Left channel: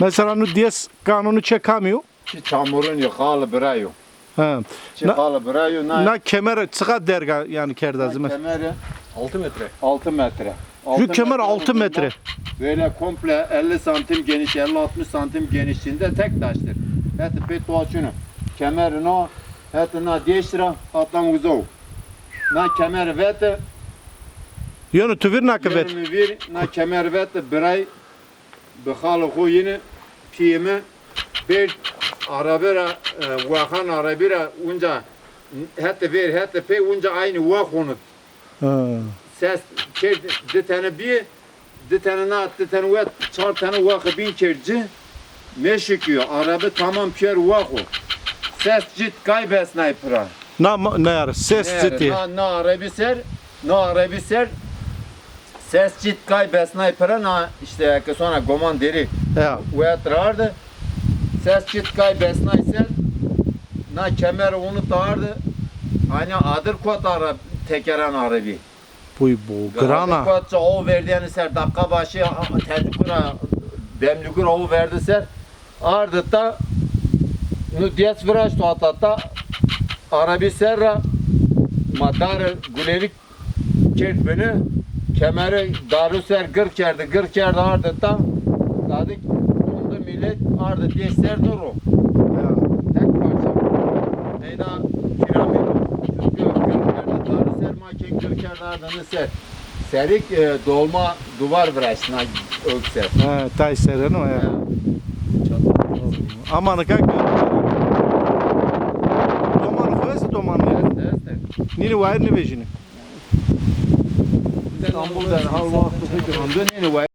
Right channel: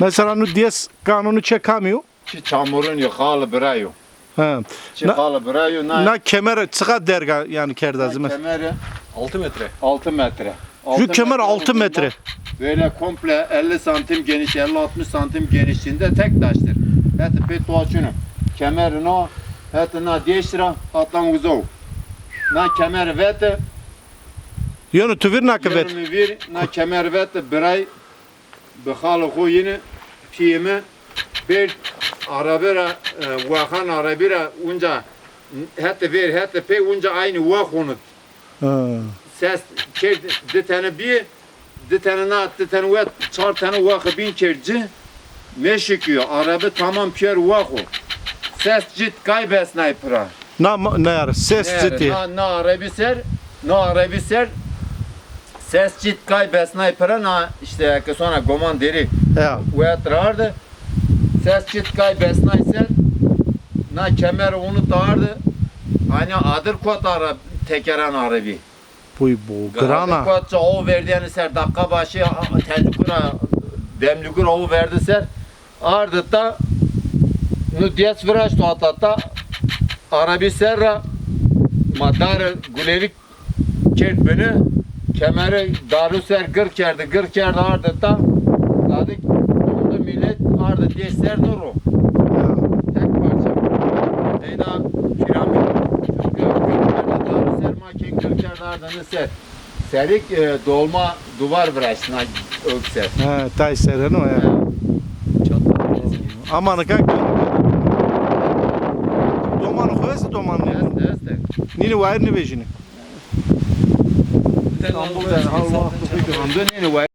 Mesela nu dies kanunu çekamiyor. Ki çamurun yıkalı bırayo. Ha. Çıkalı bırayo. Na kemer çıka derga yani kerdazı mesela. Kemeri 6 metre. 6 metre. Şu kemer 6 metre. Böyle komple 50 santim geniş, 50-60 santim genişliğinde tek taştır. Heti pet doğaçunu. Kemeri no, heti na değiştira, atlan uzov. Na kemer vete, Yonu tüvir na kıvet. yanımı vir, na kemer vete, biray, bıxalı koyunu, piyimi, bir arabira, vakan arabira, unca, heti ver, heti pe, unca aynı vakonut. Ha. Ses, de tane bir, de tane na, de tane vet, çar tane vakı bin kerci, meşikiyor, arabı tamam piyer vakı. Ses cid kaybes naypıra. Ne yar ses ciddi. Na arabi ser, ses cid kaybes naypıra, na işte sonra goman deri, Ya. uyatrardı. Ses cid kaybes nayser, na kemer onu dağardı. Hani adır kot ara, tekeren arabi. Bu grana. Kotça o verdiğini ser dakika başı tecrübura demlükur o verdi ser ardıtta nu diyes viraj to atlatta arabi serra madar gülelik kert beni kemeri daru ser gır kerdi ardıtta dadık dondu millet ardı diye ser nuru Ya. tek parça Eyda piramit görmerde daru ser maken gır kerdi ardını ser serik dolma duvar virajına ökser. Ha, tay seren o ya. Amanı kak. Domanı koyası domanı. Este. Nini var ne bejini. İstanbul'dan hal vakti fikir. Ondan yeni var.